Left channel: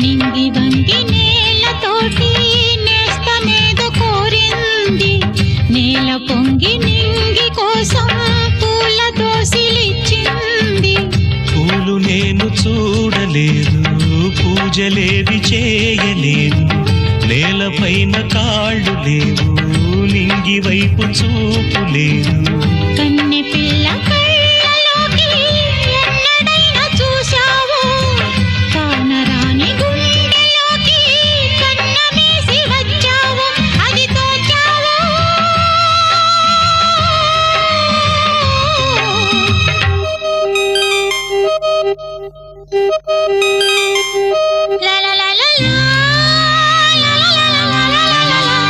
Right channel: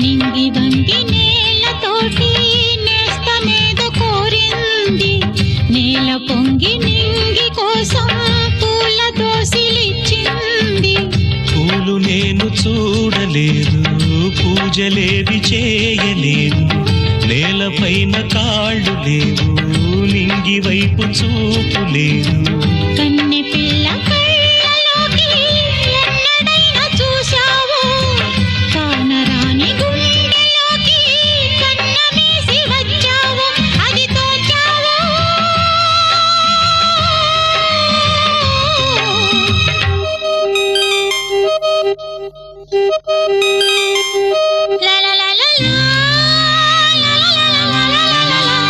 నింగి వంగి నేలతోటి నేస్తమేదో కోరింది, నేల పొంగి నింగి కోసం పూల దోసిలిచ్చింది. పూలు నేను చూడలేదు, పూజలేవి చేయలేదు, నేలపైన కాళ్ళు లేవు, నింగి వైపు చూపు లేదు.